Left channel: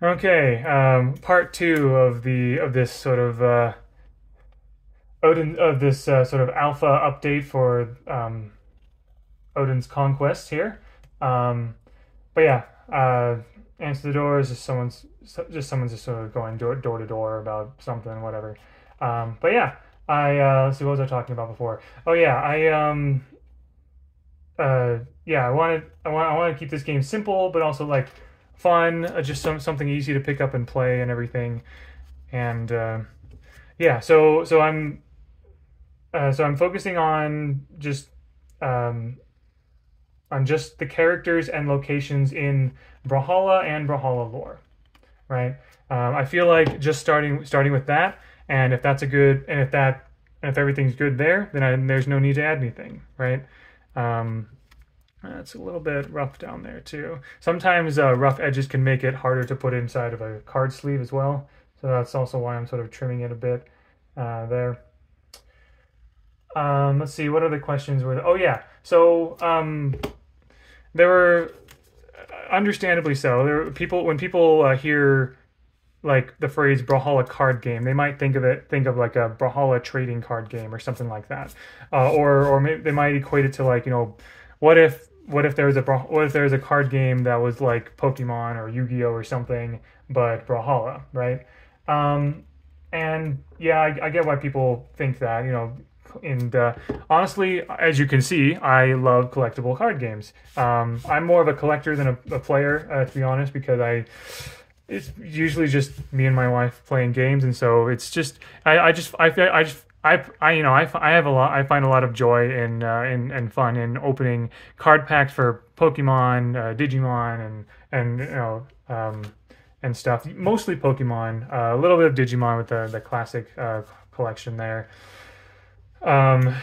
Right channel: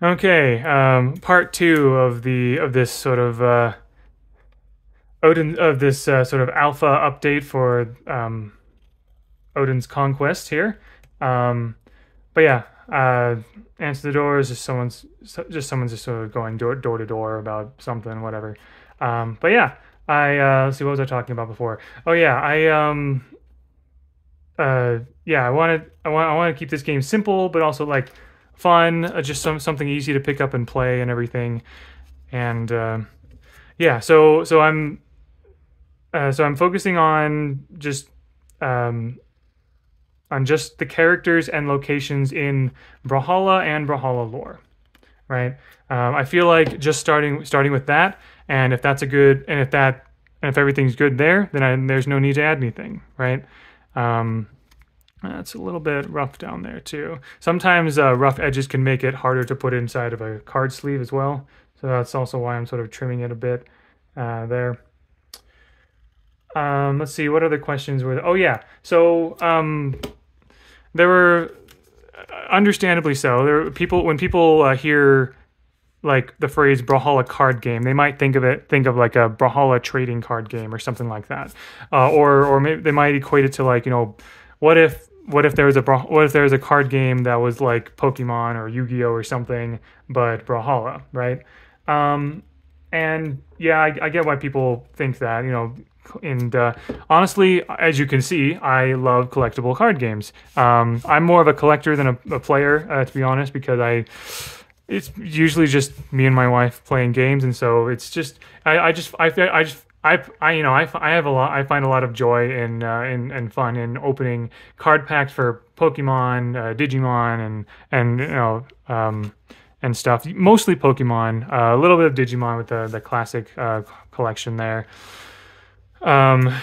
Okay, part two of this sort of Odin of this sort of alpha update for Odin's Conquest here. Um, but yeah, answer the doors. Just someone's just sort of going door to door about something, whatever. But yeah, let's see, what was I talking about before? Oh yeah, yeah, I want to keep this game simple, but also like fun, just something easy to pick up and play and everything. And yeah, so I'm focusing um, on just the characters and locations in Brawlhalla and Brawlhalla lore, right? I feel like just starting with that, and if that's a good, and if everything's good there, then there's no need to add anything, right? Um, it's a little bit rough down there too. Sometimes rough edges can make it harder to put inside of a card sleeve as well. So that's also why I'm sort of trimming it a bit there. Let's see, what other questions were there? Oh yeah, so there were, understandably so. There were people when people hear like the phrase Brawlhalla card game, they might think of like a Brawlhalla trading card game or something like that, or maybe they might equate it to like what if there was a card game that was like Pokemon or Yu-Gi-Oh or something, but Brawlhalla, right? Um, and yeah, I get why people think that, and honestly, as you can see, I love collectible card games. I'm more of a collector than a player, to be honest, because it's usually just me and my wife playing games, and so it's just I have a lot. I find a lot of joy and fun in opening card packs for Pokemon, Digimon, and stuff. Mostly Pokemon, a little bit of Digimon with the classic collection there. Um,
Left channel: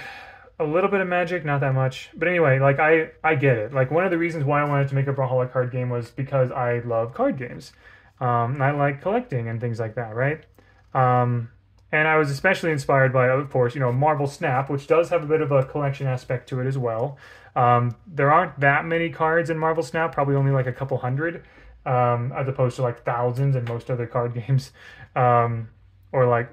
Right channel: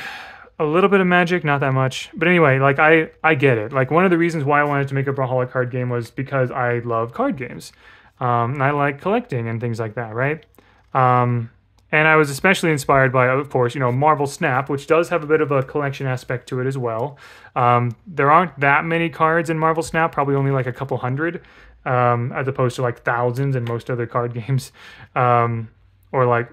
a little bit of Magic, not that much. But anyway, like I get it. Like one of the reasons why I wanted to make a Brawlhalla card game was because I love card games. And I like collecting and things like that, right? And I was especially inspired by, of course, Marvel Snap, which does have a bit of a collection aspect to it as well. There aren't that many cards in Marvel Snap, probably only like a couple hundred, as opposed to like thousands in most other card games, or like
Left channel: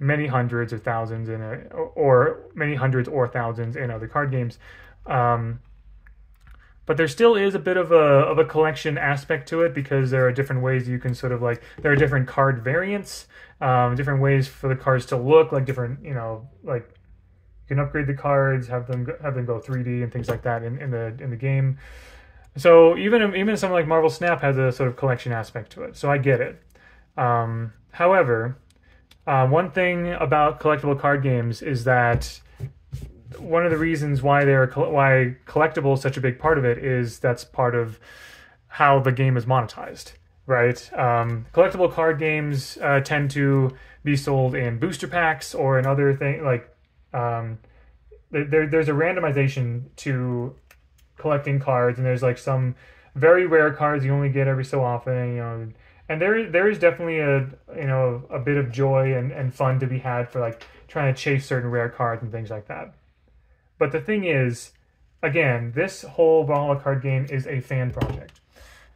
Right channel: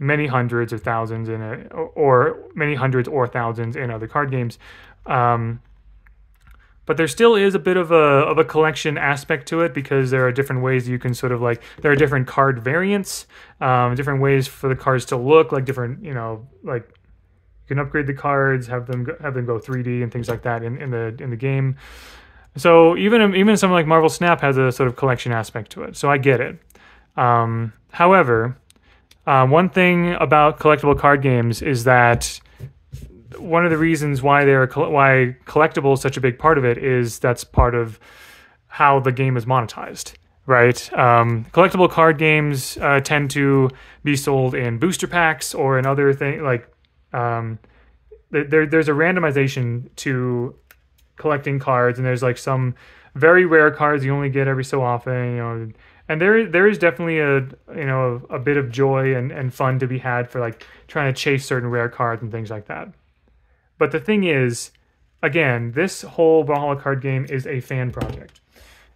many hundreds or thousands in it, or many hundreds or thousands in other card games. Um, but there still is a bit of a collection aspect to it because there are different ways you can sort of like there are different card variants, different ways for the cards to look like different, like you can upgrade the cards, have them go 3D and things like that in the game. So even something like Marvel Snap has a sort of collection aspect to it. So I get it. However, one thing about collectible card games is that one of the reasons why collectible is such a big part of it is that's part of how the game is monetized, right? Collectible card games tend to be sold in booster packs or in other things like there's a randomization to collecting cards, and there's like some very rare cards you only get every so often, and there is definitely a bit of joy and fun to be had for like trying to chase certain rare cards and things like that. But the thing is, again, this whole Brawlhalla card game is a fan project.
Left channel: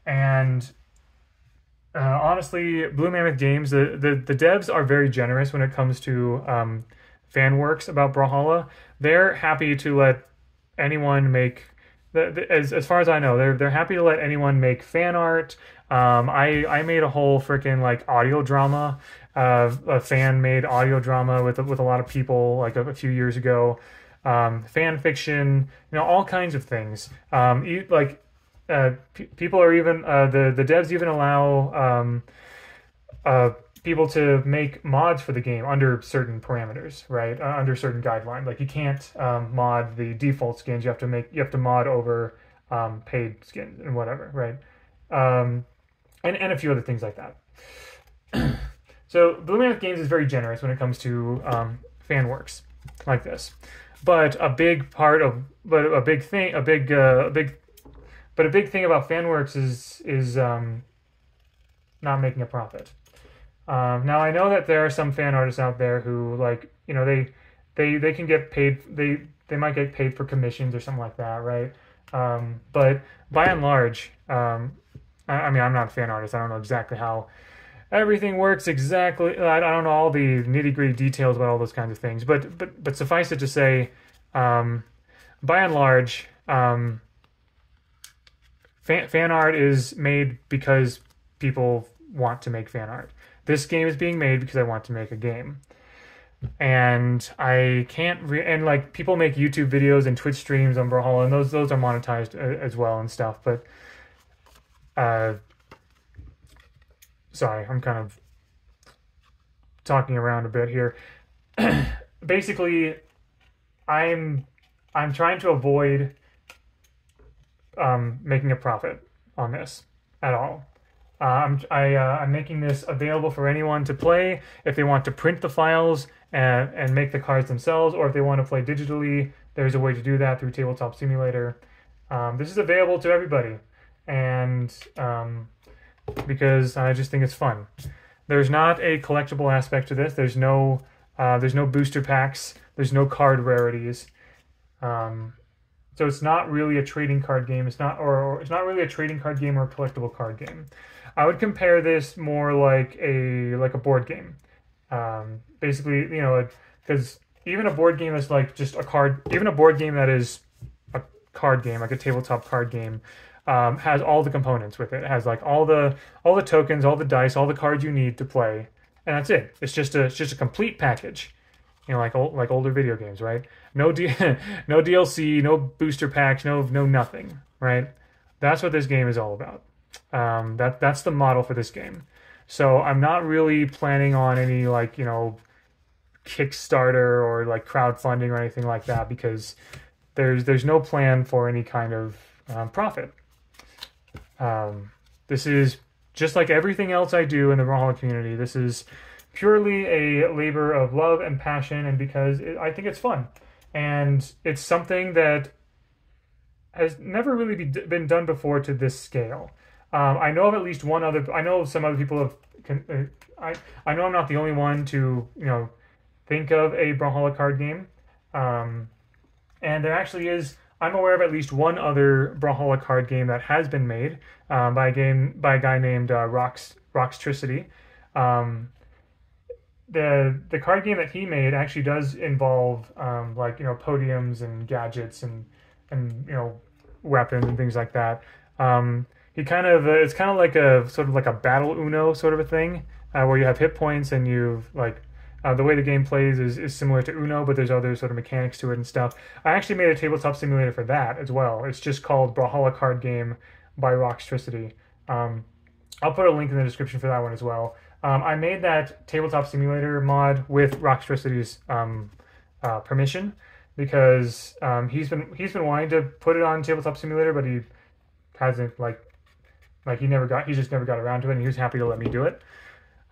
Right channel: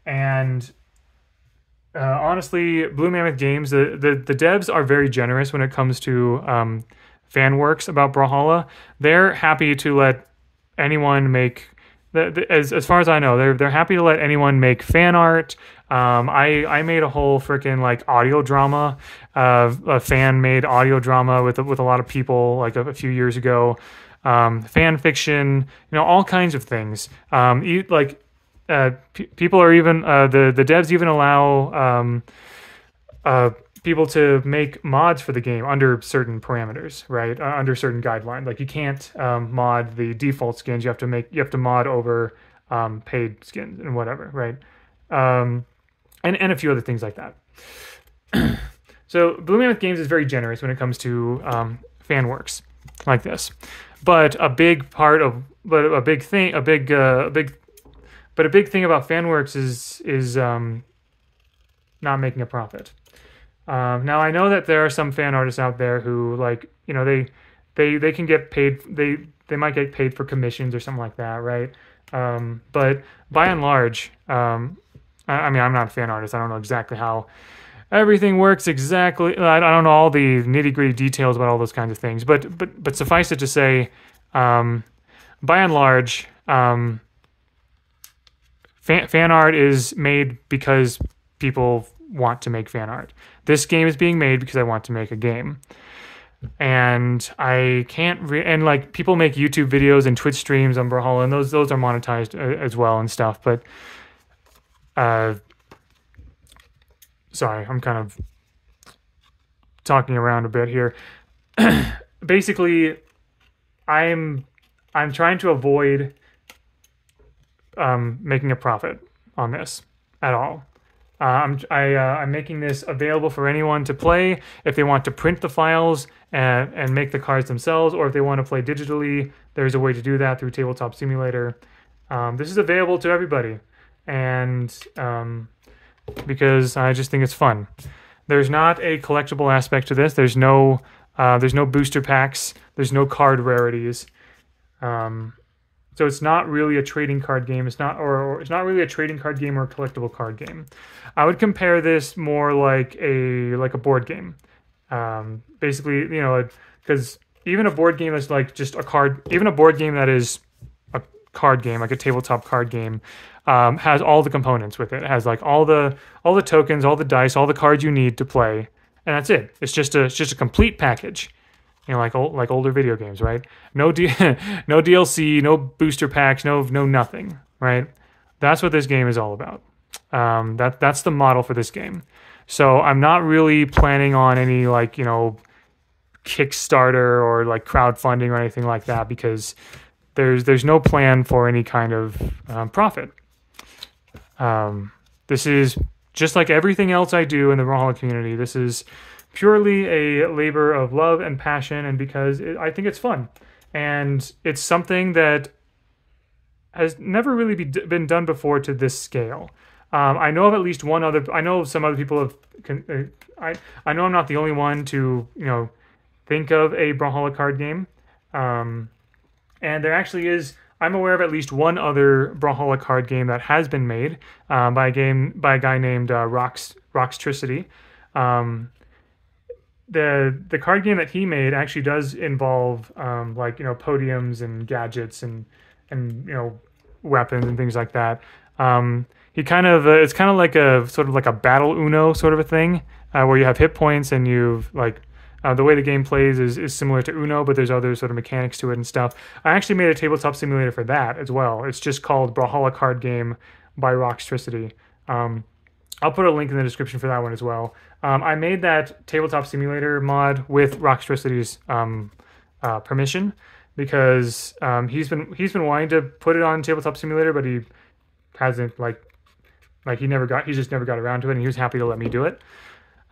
And honestly, Blue Mammoth Games, the devs are very generous when it comes to fan works about Brawlhalla. They're happy to let anyone make, as far as I know, they're happy to let anyone make fan art. I made a whole freaking like audio drama, a fan made audio drama with a lot of people like a few years ago. Fan fiction, all kinds of things. People are even the devs even allow people to make mods for the game under certain parameters, right? Under certain guidelines. Like you can't mod the default skins. You have to mod over paid skins and whatever, right? And a few other things like that. So Blue Mammoth Games is very generous when it comes to fan works like this. But a big part of, but a big thing, but a big thing about FanWorks is not making a profit. Now I know that there are some fan artists out there who like, they can get paid. They might get paid for commissions or something like that, right? But by and large, I mean, I'm not a fan artist. I don't know exactly how everything works exactly. I don't know all the nitty gritty details about all those kinds of things. But suffice it to say, um, by and large, fan art is made because people want to make fan art. This game is being made because I want to make a game. And I can't and like people make YouTube videos and Twitch streams on Brawlhalla, and those are monetized as well and stuff. But uh, sorry, I'm kind of talking around a bit here. Basically, I'm trying to avoid making a profit on this at all. I'm making this available for anyone to play if they want to print the files and make the cards themselves, or if they want to play digitally. There's a way to do that through Tabletop Simulator. This is available to everybody, and because I just think it's fun. There's not a collectible aspect to this. There's no booster packs. There's no card rarities. So it's not really a trading card game. It's not really a trading card game or a collectible card game. I would compare this more like a board game. Basically, you know, because even a board game that's like just a card, even a board game that is a card game, like a tabletop card game, has all the components with it. It has like all the tokens, all the dice, all the cards you need to play, and that's it. It's just a complete package. You know, like older video games, right? No no DLC, no booster packs, no nothing, right? That's what this game is all about. That's the model for this game. So I'm not really planning on any like, you know, Kickstarter or like crowdfunding or anything like that, because there's no plan for any kind of profit. This is just like everything else I do in the Brawlhalla community. This is purely a labor of love and passion, and because I think it's fun, and it's something that has never really been done before to this scale. I know of at least one other. I know some other people have. I know I'm not the only one to, you know, think of a Brawlhalla card game, and there actually is. I'm aware of at least one other Brawlhalla card game that has been made by a guy named Roxtricity. The card game that he made actually does involve like, you know, podiums and gadgets and you know, weapons and things like that. He kind of it's kind of like a sort of like a battle Uno sort of a thing, where you have hit points and you've like the way the game plays is similar to Uno, but there's other sort of mechanics to it and stuff. I actually made a tabletop simulator for that as well. It's just called Brawlhalla Card Game by Roxtricity. I'll put a link in the description for that one as well. I made that tabletop simulator mod with Roxtricity's permission, because he's been wanting to put it on tabletop simulator, but he hasn't he just never got around to it, and he was happy to let me do it.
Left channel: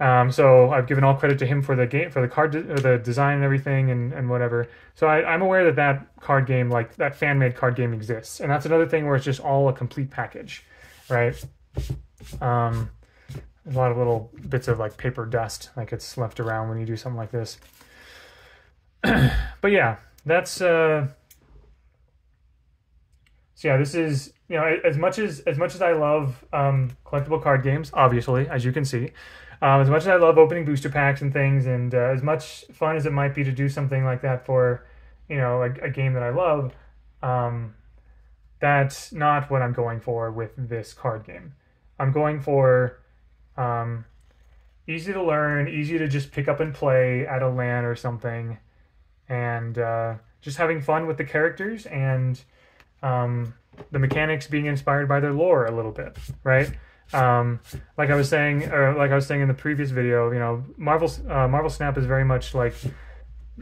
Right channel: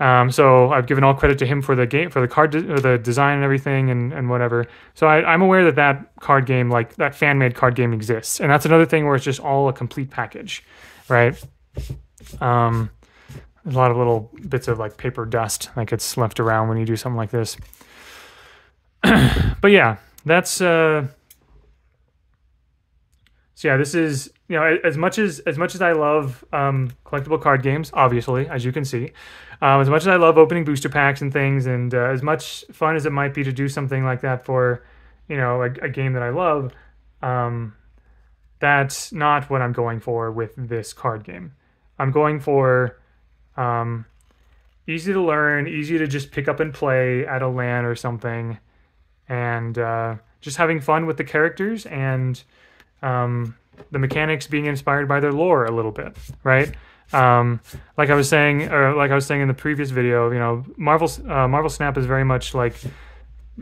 So I've given all credit to him for the game, for the card, or the design and everything, and whatever. So I'm aware that card game, like that fan made card game, exists, and that's another thing where it's just all a complete package, right? There's a lot of little bits of like paper dust that gets left around when you do something like this. But yeah, that's so yeah, this is, you know, as much as I love collectible card games, obviously, as you can see, as much as I love opening booster packs and things, and as much fun as it might be to do something like that for, you know, a game that I love, that's not what I'm going for with this card game. I'm going for easy to learn, easy to just pick up and play at a LAN or something, and just having fun with the characters and the mechanics being inspired by their lore a little bit, right? Like I was saying in the previous video, you know, Marvel Snap is very much like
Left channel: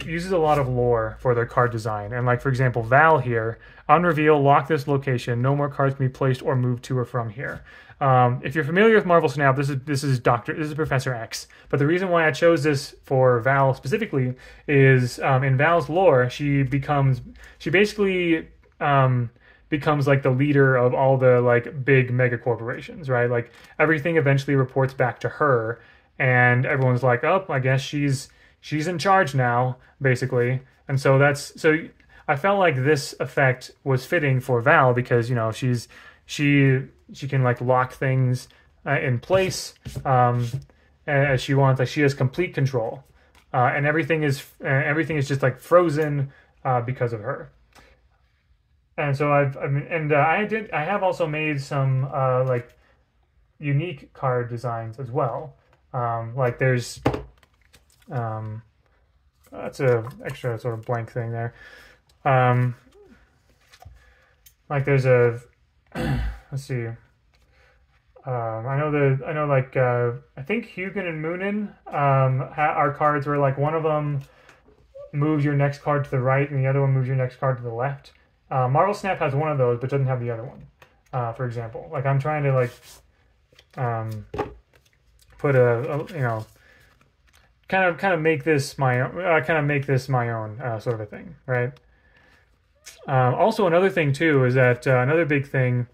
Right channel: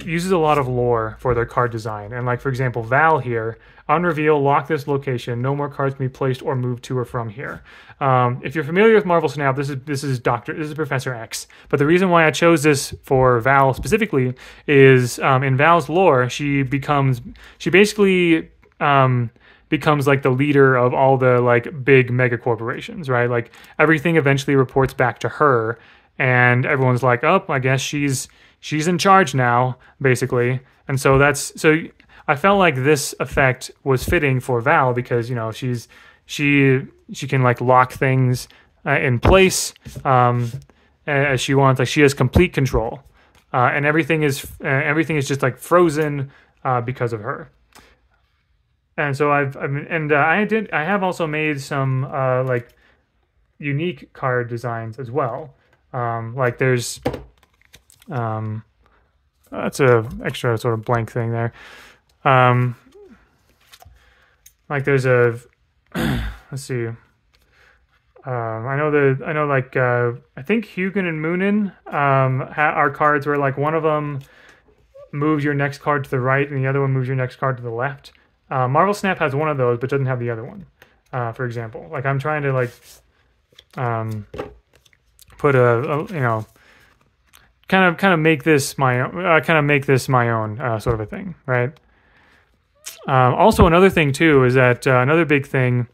uses a lot of lore for their card design, and like for example, Val here, on reveal, lock this location. No more cards can be placed or moved to or from here. If you're familiar with Marvel Snap, this is Professor X. But the reason why I chose this for Val specifically is in Val's lore, she basically becomes like the leader of all the like big mega corporations, right? Like everything eventually reports back to her, and everyone's like, oh, I guess she's in charge now, basically. And so I felt like this effect was fitting for Val, because, you know, she's she can like lock things in place as she wants. Like she has complete control, and everything is just like frozen because of her. And so I have also made some like unique card designs as well. Like there's that's a extra sort of blank thing there. Like there's a let's see. I know like I think Hugin and Moonin are cards where like one of them moves your next card to the right and the other one moves your next card to the left. Marvel Snap has one of those but doesn't have the other one. For example, like I'm trying to like put a you know kind of make this my own sort of a thing, right? Also, another thing too is that another big thing.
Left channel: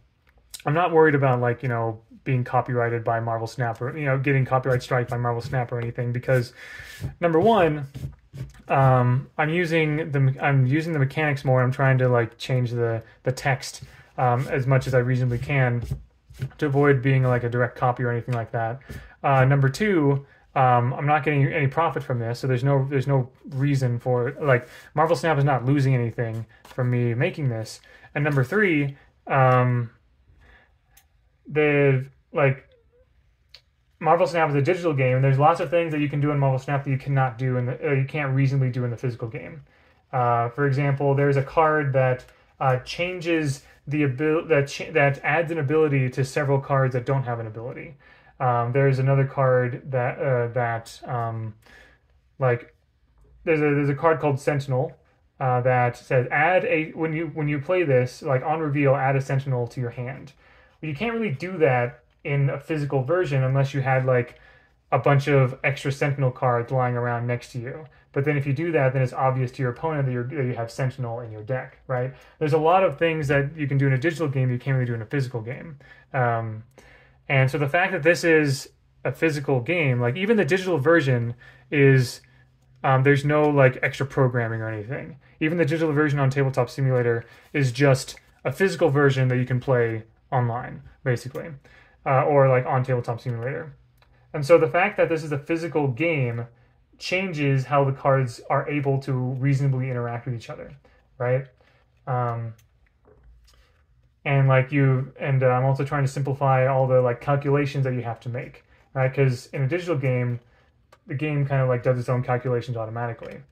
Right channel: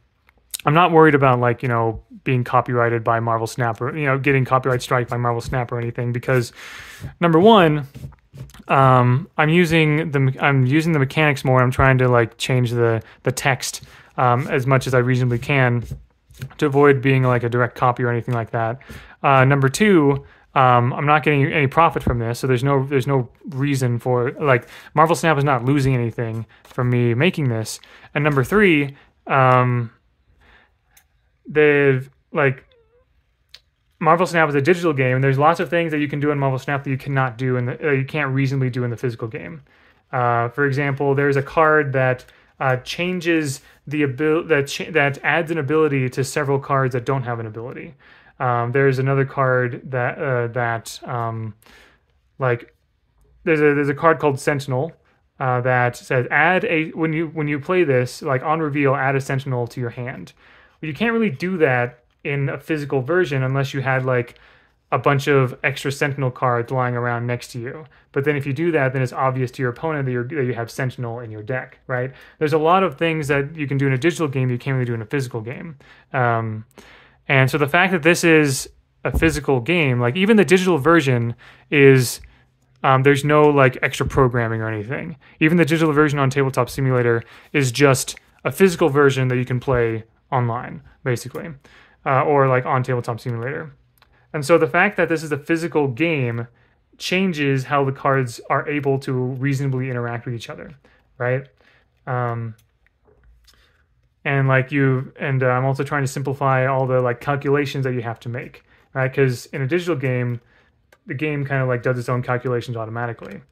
I'm not worried about like, you know, being copyrighted by Marvel Snap or, you know, getting copyright strike by Marvel Snap or anything, because number one, I'm using the mechanics more. I'm trying to like change the text as much as I reasonably can to avoid being like a direct copy or anything like that. Number two, I'm not getting any profit from this, so there's no reason for like Marvel Snap is not losing anything from me making this. And number three, they've like Marvel Snap is a digital game, and there's lots of things that you can do in Marvel Snap that you cannot do in the you can't reasonably do in the physical game. For example, there's a card that changes the ability that adds an ability to several cards that don't have an ability. There's another card that like there's a card called Sentinel that says when you play this, like on reveal, add a Sentinel to your hand. But you can't really do that in a physical version unless you had like a bunch of extra Sentinel cards lying around next to you. But then if you do that, then it's obvious to your opponent that you have Sentinel in your deck, right? There's a lot of things that you can do in a digital game that you can't really do in a physical game. And so the fact that this is a physical game, like even the digital version is, there's no like extra programming or anything. Even the digital version on Tabletop Simulator is just a physical version that you can play online, basically, or like on Tabletop Simulator. And so the fact that this is a physical game changes how the cards are able to reasonably interact with each other, right? And I'm also trying to simplify all the like calculations that you have to make, right? Because in a digital game, the game kind of like does its own calculations automatically.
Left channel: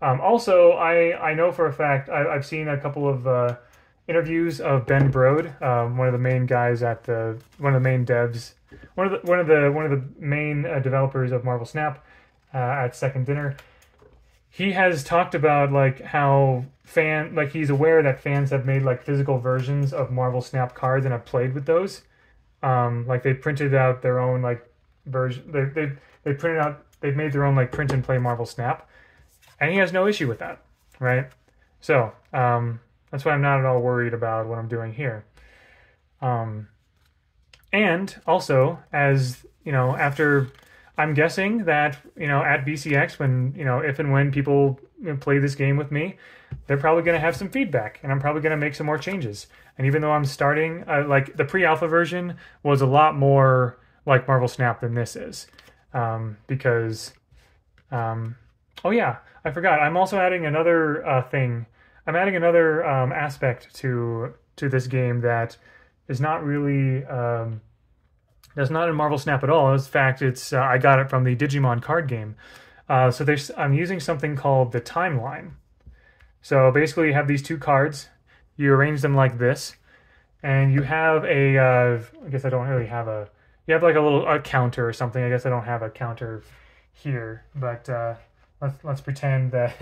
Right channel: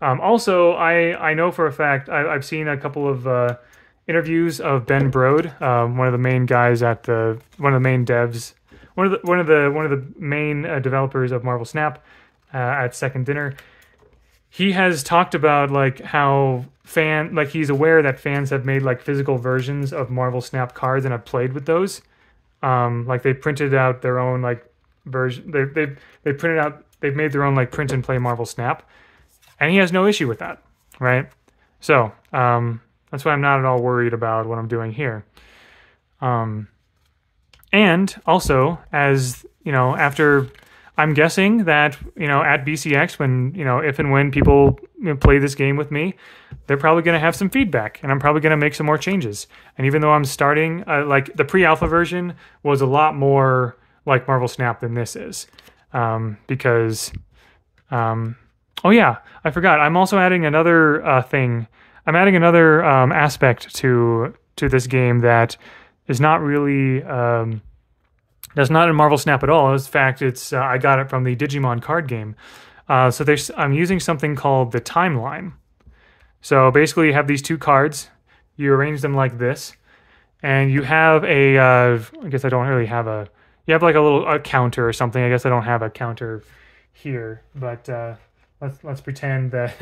Also, I know for a fact I've seen a couple of interviews of Ben Brode, one of the main guys at one of the main devs, one of the main developers of Marvel Snap at Second Dinner. He has talked about like how he's aware that fans have made like physical versions of Marvel Snap cards and have played with those. Like they printed out their own like version. They've made their own like print and play Marvel Snap, and he has no issue with that, right? So that's why I'm not at all worried about what I'm doing here. And also, as you know, after I'm guessing that, you know, at BCX, when, you know, if and when people play this game with me, they're probably going to have some feedback, and I'm probably going to make some more changes. And even though I'm starting, like the pre-alpha version was a lot more like Marvel Snap than this is, because, oh yeah, I forgot. I'm also adding another thing. I'm adding another aspect to this game that is not really. That's not in Marvel Snap at all. In fact, it's I got it from the Digimon card game. So I'm using something called the timeline. So basically, you have these two cards. You arrange them like this, and you have a. I guess I don't really have a. You have like a counter or something. I guess I don't have a counter here, but let's pretend that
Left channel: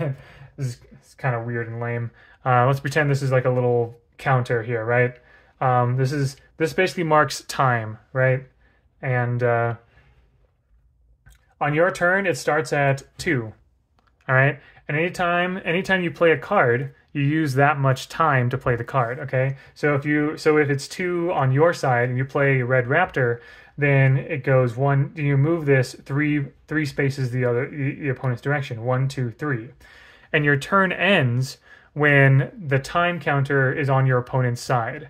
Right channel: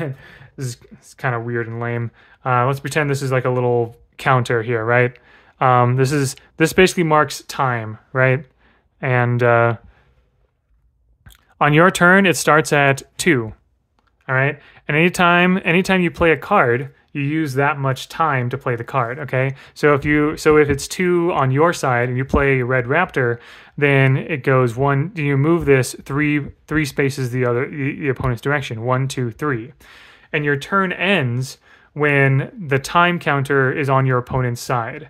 this is kind of weird and lame. Let's pretend this is like a little counter here, right? This basically marks time, right? And on your turn, it starts at 2. All right. And anytime you play a card, you use that much time to play the card. Okay. So if it's 2 on your side and you play Red Raptor, then it goes 1. You move this three spaces the opponent's direction. 1, 2, 3, and your turn ends when the time counter is on your opponent's side.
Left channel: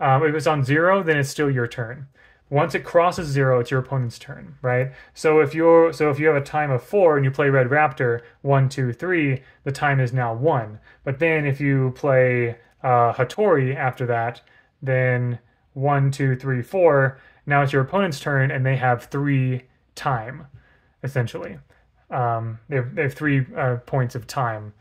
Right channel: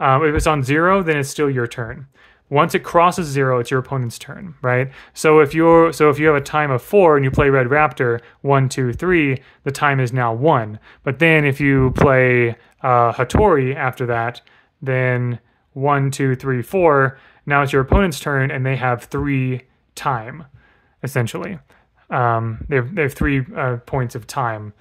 If it's on 0, then it's still your turn. Once it crosses 0, it's your opponent's turn, right? So if you have a time of 4 and you play Red Raptor 1, 2, 3, the time is now 1. But then if you play Hattori after that, then 1, 2, 3, 4. Now it's your opponent's turn, and they have 3 time, essentially. They have 3 points of time.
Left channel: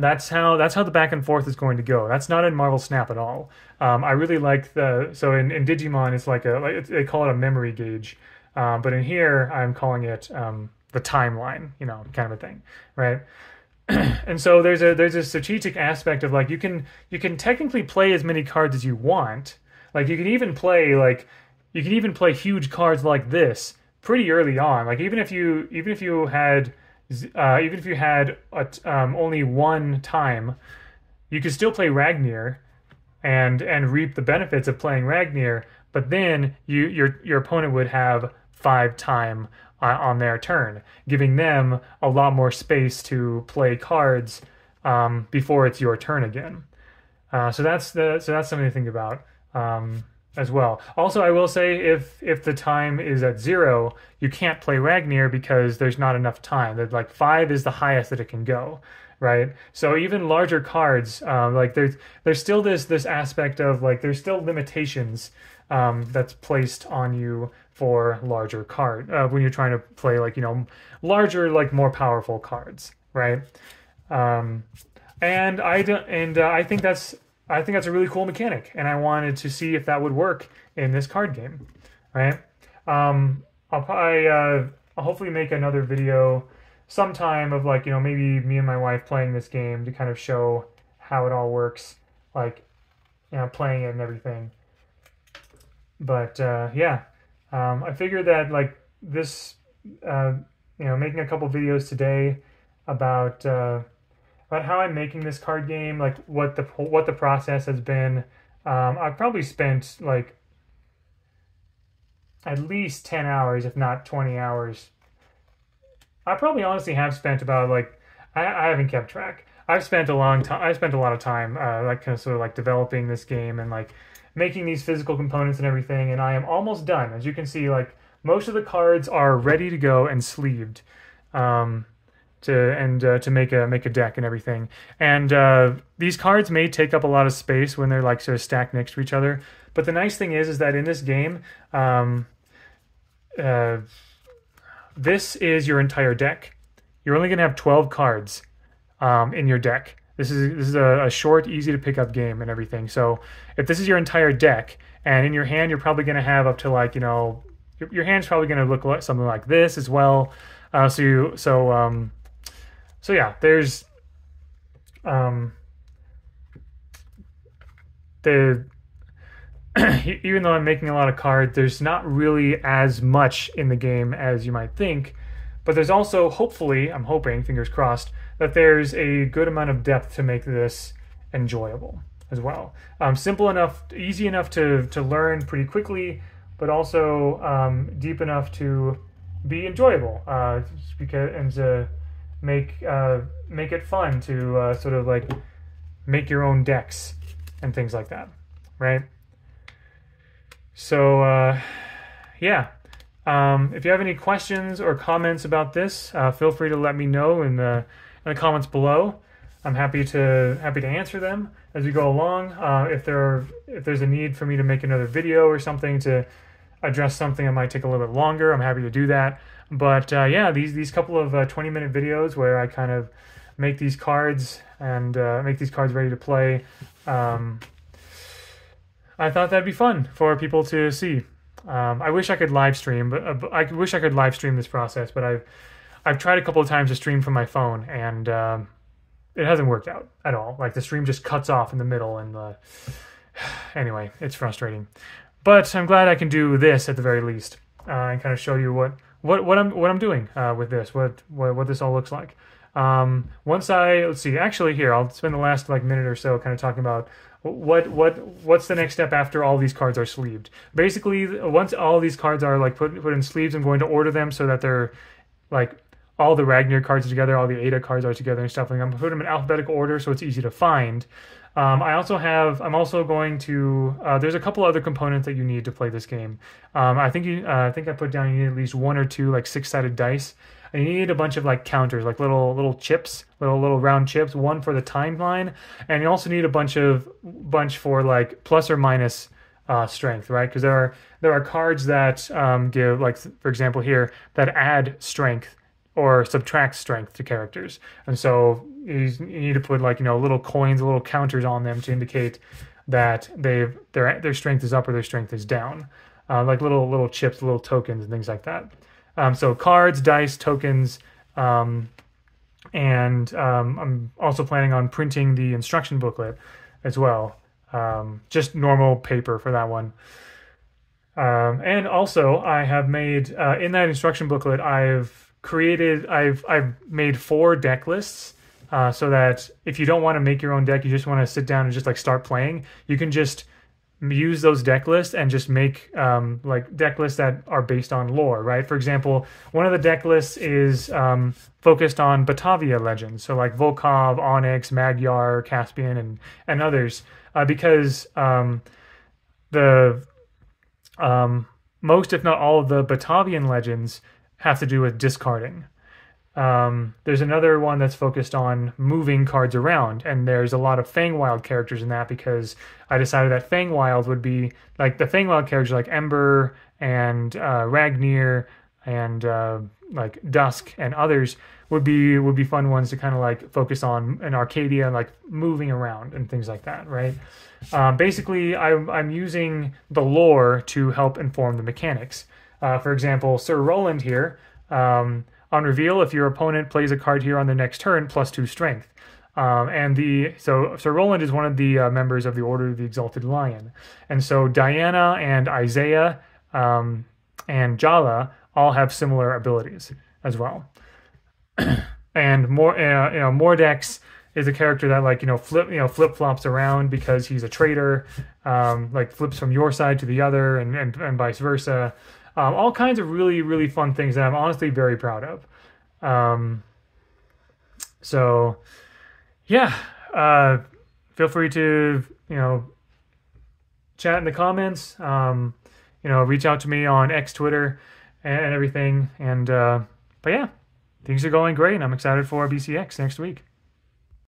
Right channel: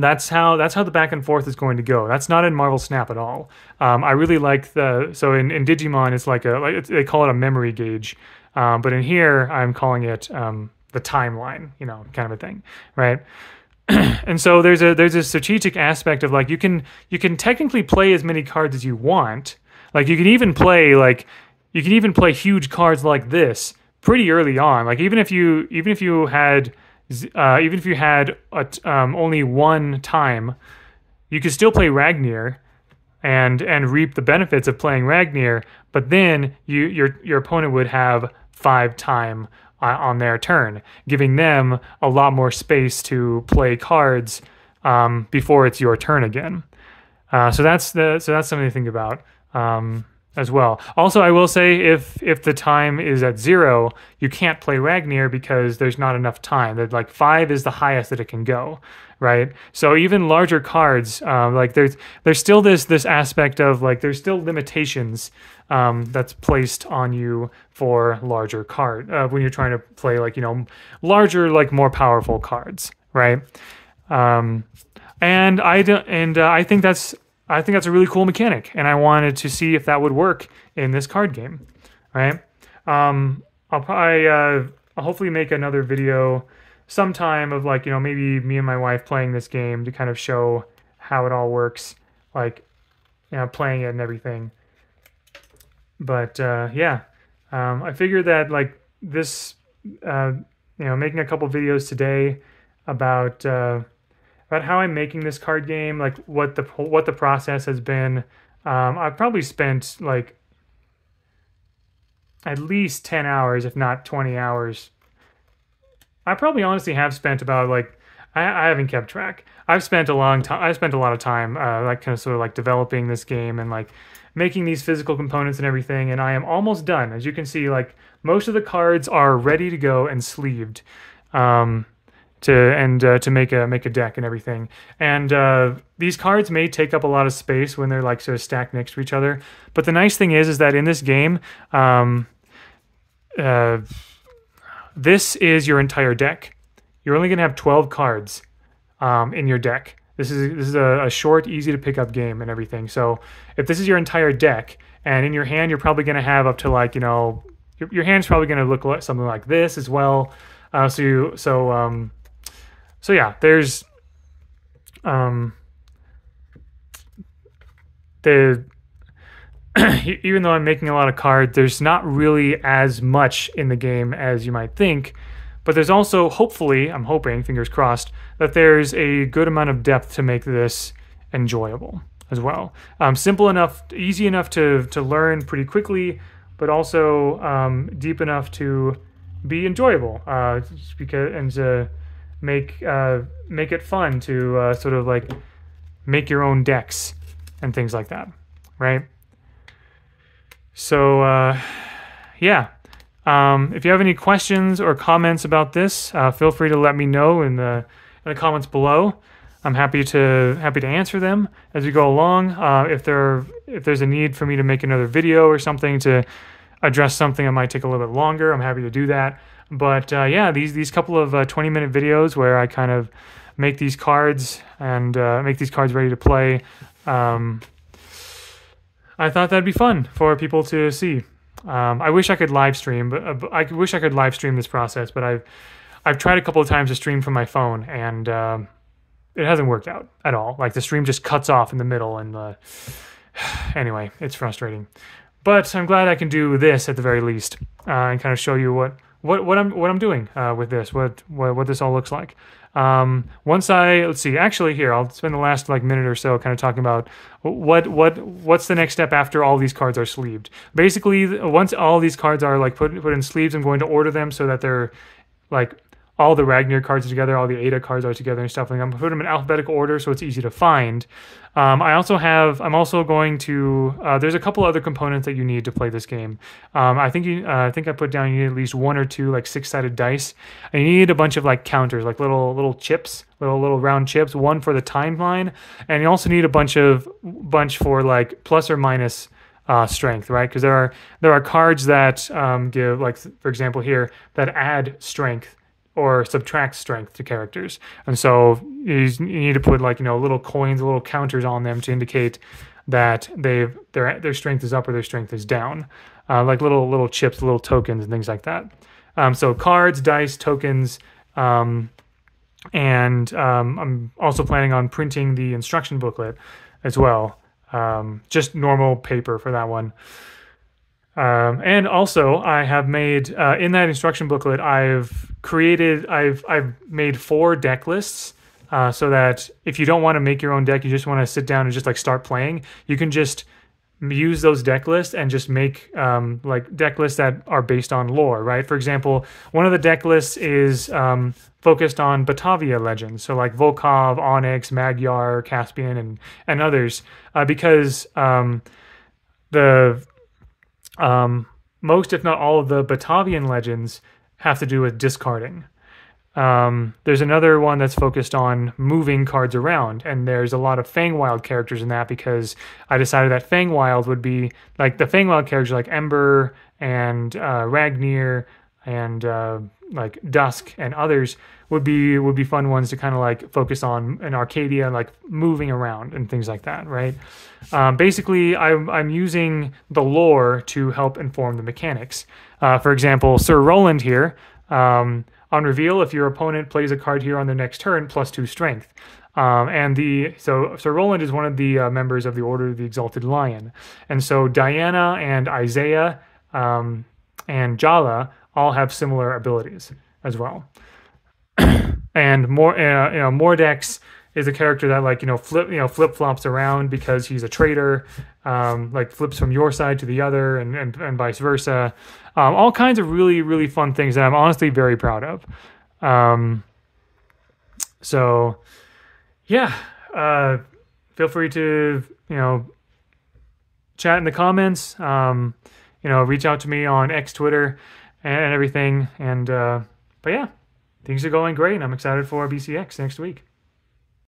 That's how the back and forth is going to go. That's not in Marvel Snap at all. I really like so in Digimon it's like they call it a memory gauge, but in here I'm calling it the timeline, kind of a thing, right? And so there's a strategic aspect of like you can technically play as many cards as you want. Like you can even play huge cards like this pretty early on. Like even if you had only 1 time, you could still play Ragnir and reap the benefits of playing Ragnir. But then your opponent would have 5 time on their turn, giving them a lot more space to play cards before it's your turn again. So that's something to think about as well. Also, I will say if the time is at 0, you can't play Ragnir because there's not enough time. That like 5 is the highest that it can go, right? So even larger cards, like there's still this aspect of like there's still limitations that's placed on you for larger card when you're trying to play like larger, like more powerful cards, right? And I think that's a really cool mechanic, and I wanted to see if that would work in this card game, right? I'll hopefully make another video sometime of like maybe me and my wife playing this game to kind of show how it all works, like playing it and everything. But yeah, I figured that like this, making a couple videos today about how I'm making this card game, like what the process has been. I've probably spent like at least 10 hours, if not 20 hours. I probably honestly have spent about like I haven't kept track. I've spent a long time. I spent a lot of time like kind of sort of like developing this game and like making these physical components and everything. And I am almost done. As you can see, like most of the cards are ready to go and sleeved. To make a deck and everything. And these cards may take up a lot of space when they're like sort of stacked next to each other. But the nice thing is that in this game, this is your entire deck. You're only going to have 12 cards in your deck. This is a short, easy to pick up game and everything. So if this is your entire deck, and in your hand you're probably going to have up to like your hand's probably going to look like something like this as well. So yeah, there's even though I'm making a lot of cards, there's not really as much in the game as you might think, but there's also, hopefully, I'm hoping, fingers crossed, that there's a good amount of depth to make this enjoyable as well. Simple enough, easy enough to learn pretty quickly, but also deep enough to be enjoyable, and to make it fun to sort of like make your own decks and things like that, right? So yeah, if you have any questions or comments about this, feel free to let me know in the comments below. I'm happy to answer them as we go along. If there's a need for me to make another video or something to address something that might take a little bit longer, I'm happy to do that. But yeah, these couple of 20-minute videos where I kind of make these cards and make these cards ready to play, I thought that'd be fun for people to see. I wish I could live stream, but I wish I could live stream this process. But I've tried a couple of times to stream from my phone, and it hasn't worked out at all. Like the stream just cuts off in the middle, and anyway, it's frustrating. But I'm glad I can do this at the very least, and kind of show you what I'm doing with this, what this all looks like. Let's see, actually here, I'll spend the last like minute or so kind of talking about what's the next step after all these cards are sleeved. Basically, once all these cards are like put in sleeves, I'm going to order them so that they're like all the Ragnar cards are together, all the Ada cards are together and stuff like that. I'm gonna put them in alphabetical order so it's easy to find. I'm also going to, there's a couple other components that you need to play this game. I think I put down you need at least 1 or 2 like 6-sided dice, and you need a bunch of like counters, like little chips, little round chips, one for the timeline, and you also need a bunch for like plus or minus strength, right? Because there are cards that give, like for example here, that add strength or subtract strength to characters, and so you need to put like little coins, little counters on them to indicate that their strength is up or their strength is down, like little chips, little tokens, and things like that. So cards, dice, tokens, and I'm also planning on printing the instruction booklet as well, just normal paper for that one. And also I have made in that instruction booklet I've made 4 deck lists, so that if you don't want to make your own deck, you just want to sit down and just like start playing, you can just use those deck lists and just make like deck lists that are based on lore, right? For example, one of the deck lists is focused on Batavia legends, so like Volkov, Onyx, Magyar, Caspian, and others, because most, if not all, of the Batavian legends have to do with discarding. There's another one that's focused on moving cards around, and there's a lot of Feywild characters in that because I decided that Feywild would be like the Feywild characters like Ember and Ragnir and like Dusk and others would be fun ones to kind of like focus on in Arcadia, like moving around and things like that, right? Basically, I'm using the lore to help inform the mechanics. For example, Sir Roland here, on reveal, if your opponent plays a card here on their next turn, +2 strength. So Sir Roland is one of the members of the Order of the Exalted Lion. And so Diana and Isaiah and Jala all have similar abilities as well. And Mordex is a character that like flip flops around because he's a traitor, like flips from your side to the other and vice versa. All kinds of really fun things that I'm honestly very proud of. So yeah, feel free to chat in the comments. Reach out to me on X, Twitter, and everything. And but yeah, things are going great, and I'm excited for BCX next week.